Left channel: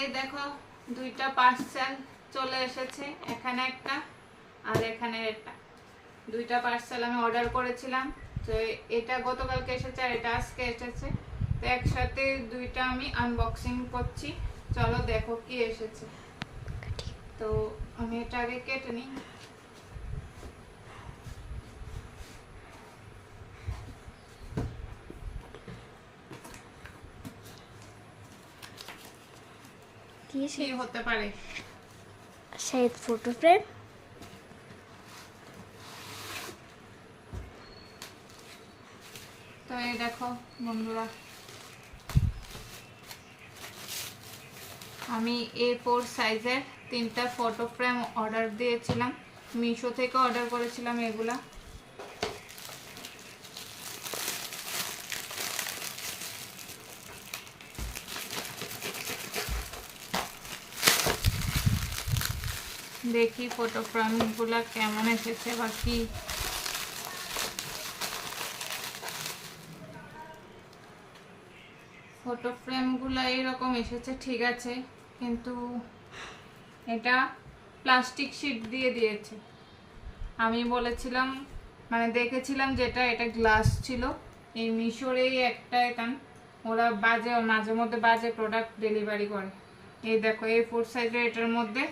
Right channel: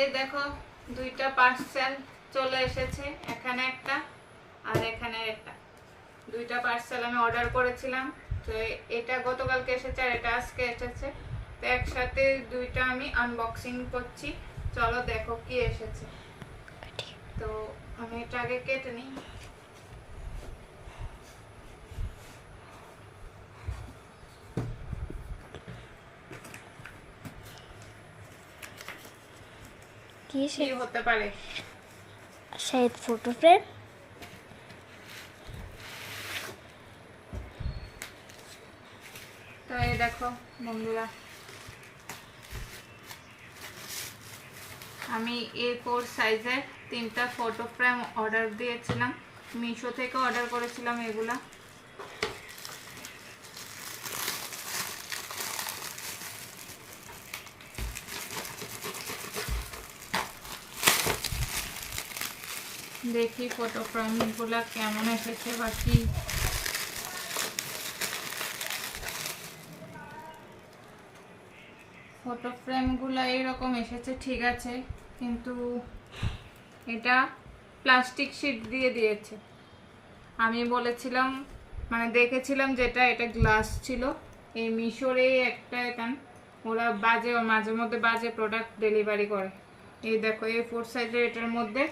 এই দেখো দুইটা পার্সেল চলে এসেছে এখানে একটা আর এখানে একটা। দুইটা পার্সেল আমি অর্ডার করেছিলাম তো এটা গতকালকে এসেছে আর এটা আজকে এসেছে। তো একসাথে দুইটা আমি আনবক্সিং করছি। চলো দেখো কি এসেছে। তো আমি এটা আগে কেটে নিই। কি কি হতে পারে? শায়দ ফটো ফ্রেম তো এই দেখো বন্ধুরা। আমি এ ফোর সাইজের তিনটা ফটো ফ্রেম অর্ডার দিয়েছিলাম। মিশো থেকে অর্ডার করেছিলাম এগুলা। দেখি ফটো ফ্রেমগুলা কেমন এসেছে বা কি। ফটো ফ্রেমগুলো এইরকম এসেছে, ঠিক আছে, কিন্তু এটা প্লাস্টিক শিট দিয়ে দিয়েছে। আমি বলেছিলাম মানে দেখেছিলাম যেটা, এটা গ্লাস ছিল। এই মিশোরেই একটা এখান, ওরা বাজে, মাঝে মধ্যে বাজে প্রোডাক্ট ডেলিভারি করে। এই দেখো এই ফোর সাইজের এটার মধ্যে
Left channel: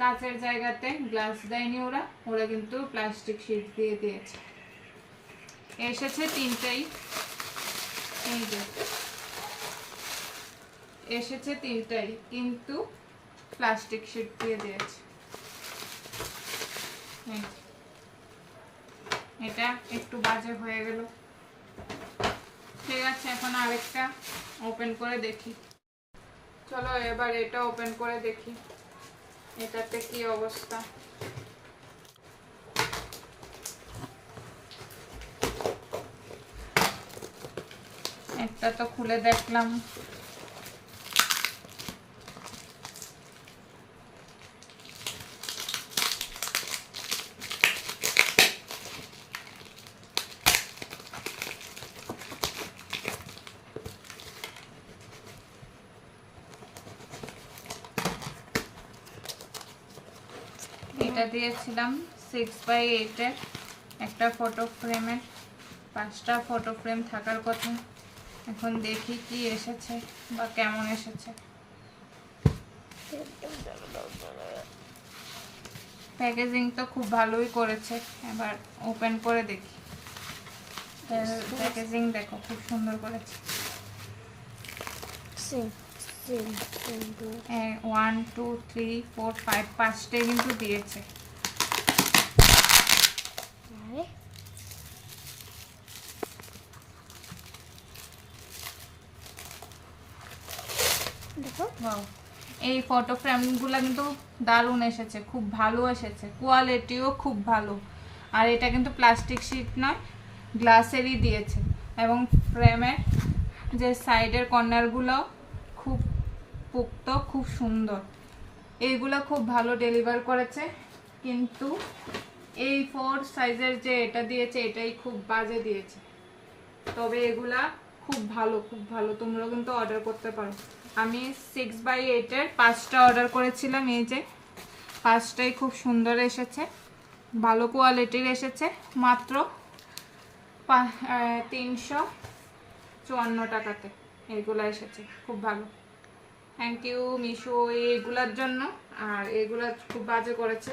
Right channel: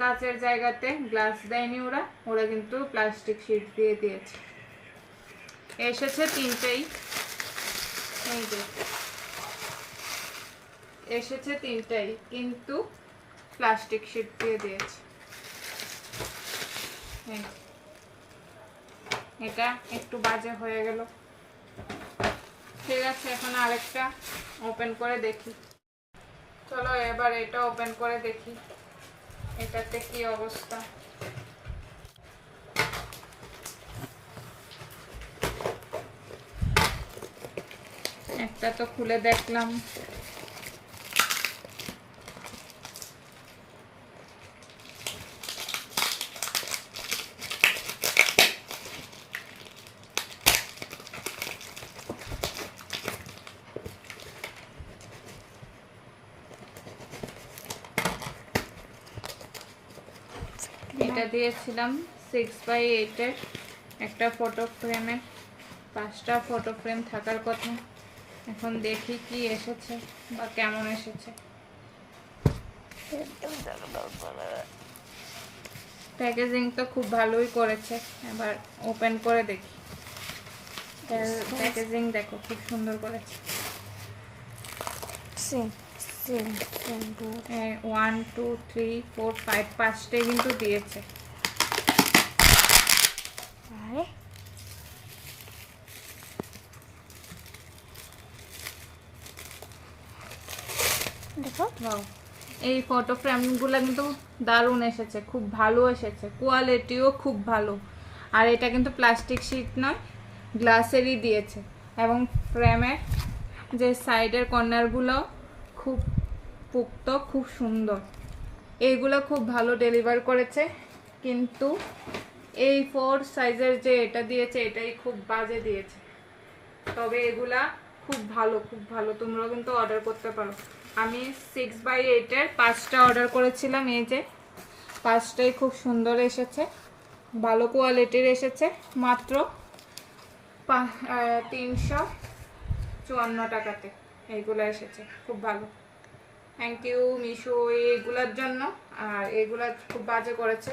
কাঁচের জায়গাতে গ্লাস দেয়নি ওরা ওরা কিন্তু প্লাস্টিক শিট দিয়ে দিয়েছে। এসেছে তিনটেই। এসেছে তিনটাই, কিন্তু প্লাস্টিক শিট দিয়ে দিয়েছে। এটা একটু বাজে হয়ে গেল। ঠিক আছে, এখন আরেকটা ওপেন করে দেখি। চলো এবার এটা ওপেন করে দেখি। এটাতে কি অবস্থা? একটা তো খুলে দেখলাম। এটা দিয়েছিলাম সিক্স বাই এইটের একটা ফটো ফ্রেমের পাঁচটা ফটো ফ্রেম থাকার কথা। এখন দেখি কি এসেছে বা কেমন এসেছে। প্যাকেজিংটা খুব ভালোই করেছে। এবার ওপেন করে দেখি। প্যাকেজিং দেখো খুব সুন্দর করেছে। One two three four five পাঁচটাই কিন্তু দিয়েছে। আরে। দেখো. এই ফটো ফ্রেমগুলো কিন্তু দারুণ এসেছে খুব ভালো এসেছে কোয়ালিটিও খুব ভালো। আর এটা কিন্তু প্লাস্টিক শিট নয় গ্লাসেরই দিয়েছে। এবং ফ্রেমের যে সাইডের কর্নারগুলো খুব পুক্ত, খুব সুন্দর। এইগুলো খুব ভালো ডেলিভার করেছে। কিন্তু এই ফোর সাইজের যে এটা দিয়েছে, এটাই খুব বাজে দিয়েছে। তবে এগুলা খুব ভালো খুব ভালো। তোমরাও কিন্তু অর্ডার করতে পারো। আমি সিক্স বাই এইটের পাঁচটা অর্ডার করেছিলাম এই যে। পাঁচটাই খুব সুন্দর এসেছে। ভালো কোয়ালিটির এসেছে। মাত্র তিনশো চুয়ান্ন টাকাতে। এইগুলো এসেছে, খুব ভালো। থ্যাংক ইউ মিশো এইগুলোর জন্য। আর এগুলা খুব বাজে করেছে।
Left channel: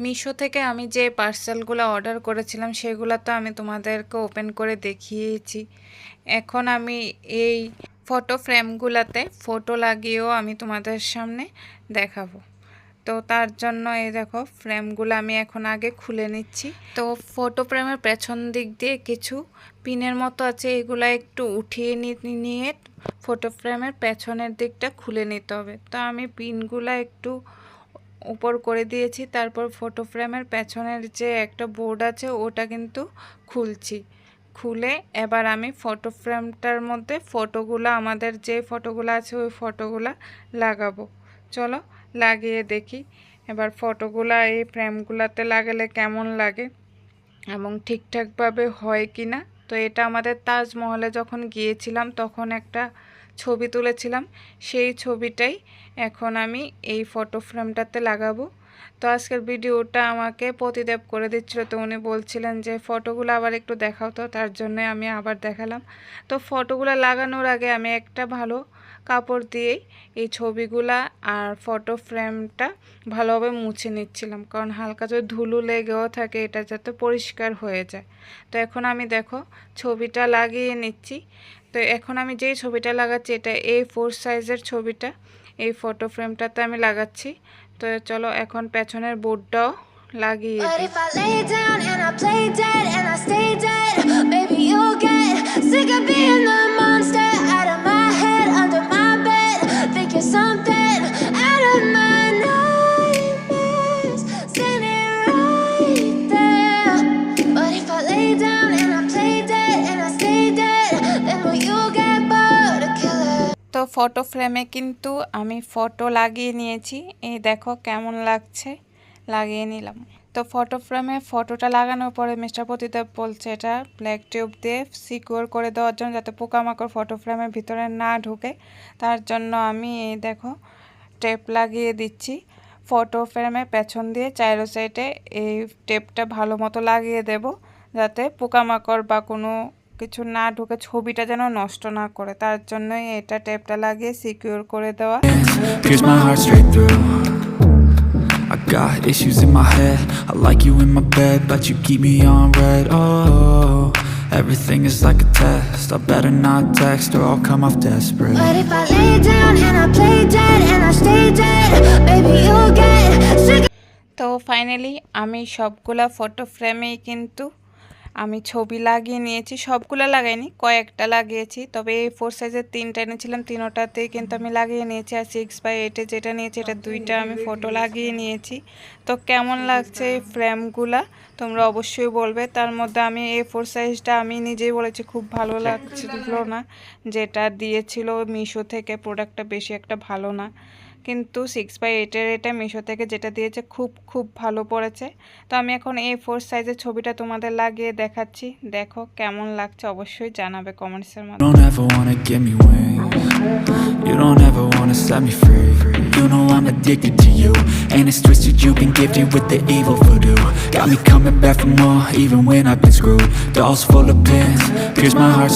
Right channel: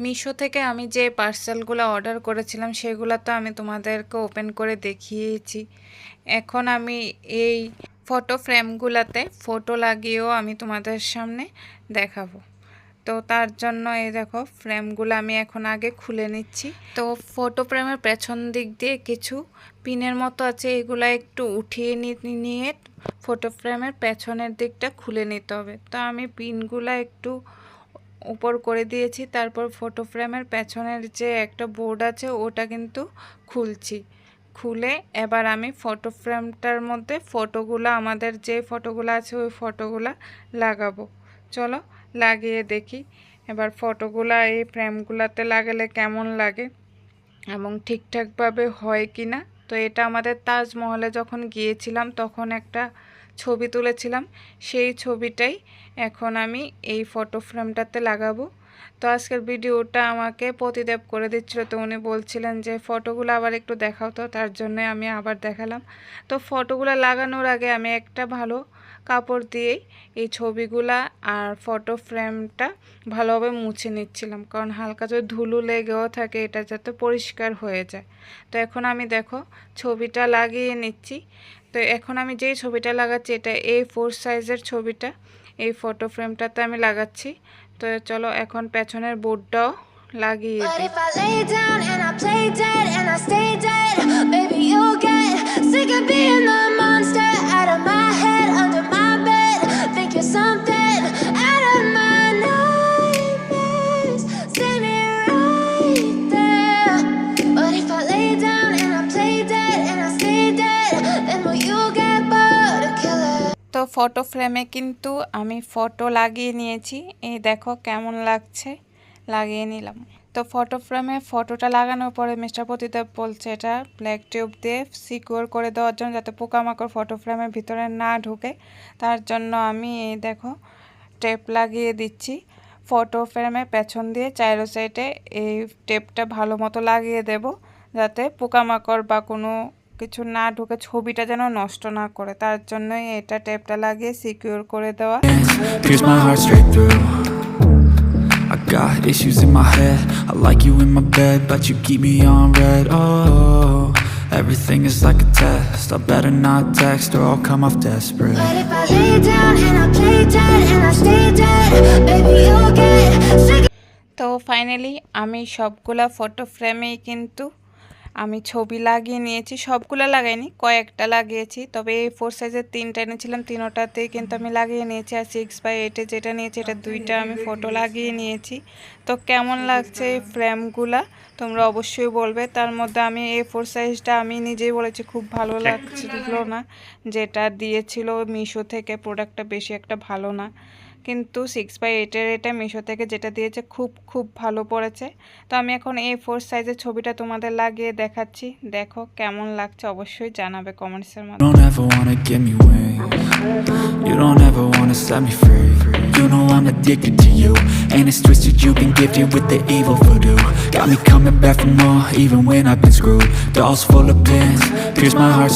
মিশো থেকে আমি যে পার্সেলগুলো অর্ডার করেছিলাম, সেগুলো তো আমি তোমাদেরকে ওপেন করে দেখিয়েছি। এখন আমি এই ফটো ফ্রেমগুলোতে ফটো লাগিয়েও আমি তোমাদের সামনে দেখাবো। তো তার জন্য এই দেখো ফ্রেমগুলো আমি এখন আগে খুলে নিচ্ছি। তো ফটো ফ্রেমের পেছন দিক দিয়ে কিছু পিনের মতো আছে, এগুলো একটু উঠিয়ে নিয়ে ফটো ফ্রেমের পেছনের দিকটা খুলে নিতে হবে। তো আমি পিনগুলো একটু উপর করে দিয়েছি, তারপর ফটো ফ্রেমের পেছনের যে একটা বোর্ড আছে ওটা কিন্তু খুলছি। খুলে এবার আমি ফটো ফ্রেমটার মধ্যে ফটোগুলো, আমাদের যে ফটোগুলো আছে ওই ফটোগুলো লাগাবো। চলো লাগিয়ে দেখি। এবার ফটোগুলো, এই ফ্রেমগুলোতে লাগালে কেমন লাগে এবং ঠিকঠাকভাবে হয় কি না তো এটা আমাদের তাজমহলে যখন গিয়েছিলাম, তখন একটা ছবি তুলেছিলাম। সেই ছবিটাই এখন আমি এই ফটো ফ্রেমটাতে লাগাবো। তো আজকের ভিডিওটা আমাকে প্রতিদেব করে দিচ্ছিল। তো উনি বলছিলেন যে, ফটোগুলো আবার একটু দেখাও তো, তার জন্য আমি আবার দেখালাম। তো ফটোগুলো লাগানোর আগে আমি একটা ভালো কাপড় দিয়েই এই ছবিগুলা আর ফটো ফ্রেমটা ভালোভাবে মুছে নিচ্ছিলাম। কারণ হালকা যদি ধুলো লেগেও থাকে এটা যাতে পরিষ্কার হয়ে যায়। তো এখন আমি দেখো ছবিটা লাগিয়ে নিচ্ছি। তো এখন আমি যেই ছবিটা লাগাচ্ছি এটা এ ফোর সাইজের ছবিটা। এই ফটো ফ্রেমটাতে আমি লাগাচ্ছি। তো চলো এখন পেছনের বোর্ডটাও লাগিয়ে দিই। ফটো ফ্রেমে কিন্তু আমি ফটো লাগিয়ে নিয়েছি। এই দেখো কেমন লাগছে, লাগিয়ে নিলাম। তো ফটো ফ্রেমে ফটোটা লাগানোর পরে মিস্টার প্রতিদেব বলছে এটা ব্ল্যাক টিউব দিয়ে সিকিউর করে দেওয়ার জন্য যাতে পোকামাকড় ফটো ফ্রেমের ভিতরে না ঢুকে। তার জন্য আমি এই দেখো টেপ লাগিয়ে দিচ্ছি। ফটো ফ্রেমে পেছন দিয়ে চাইরো সাইডে এই টেপটা ভালো মতো লাগিয়ে দেব, যাতে পোকামাকড় বা কোনো কিছু না ঢুকে ছবিটা যেন নষ্ট না করে তার জন্যই এটা টেপটা লাগিয়ে সিকিউর করে দেওয়া I got issues in my head I like you in my bed But you keep me on red Oh Everything is like a test I better not text Or I'll come off desperate But if I lay down and I play dead and I stay dead, maybe you'll get sick of তো finally আমি সবগুলা photo ফ্রেমেই কিন্তু আমি ছবি লাগিয়ে নিয়েছি সবগুলো লাগাইনি কয়েকটা লাগিয়েছি তবে এই ফোর সাইজের তিনটা এনেছিলাম তিনোটাতেই কিন্তু আমি লাগিয়ে নিয়েছি আর সিক্স বাই এইটে যেটা নিয়েছি এটা দুইটা আমি ফটো লাগিয়ে নিয়েছি। তো কেমন লাগছে এই ফ্রেমগুলা তোমরা অবশ্যই বলবে তার মধ্যে আমি এই ফোর সাইজটা আমি নিজেই বলেছি খুব ভালো লাগছিল না যেটা দিয়েছিল মিশো থেকে প্রোডাক্টটা বেশি একটা ভালো না। কিন্তু সিক্স বাই এইটের এটা মিশো থেকে যেটা দিয়েছে খুব খুব ভালো পড়েছে। তো আমি এখন এই ফোর সাইজের ছবিটা তোমাদের লাগিয়ে দেখাচ্ছি। দেখো কেমন লাগছে অবশ্যই জানাবে কমেন্টসের মধ্যে Got me coming back for more, even when I've been screwed.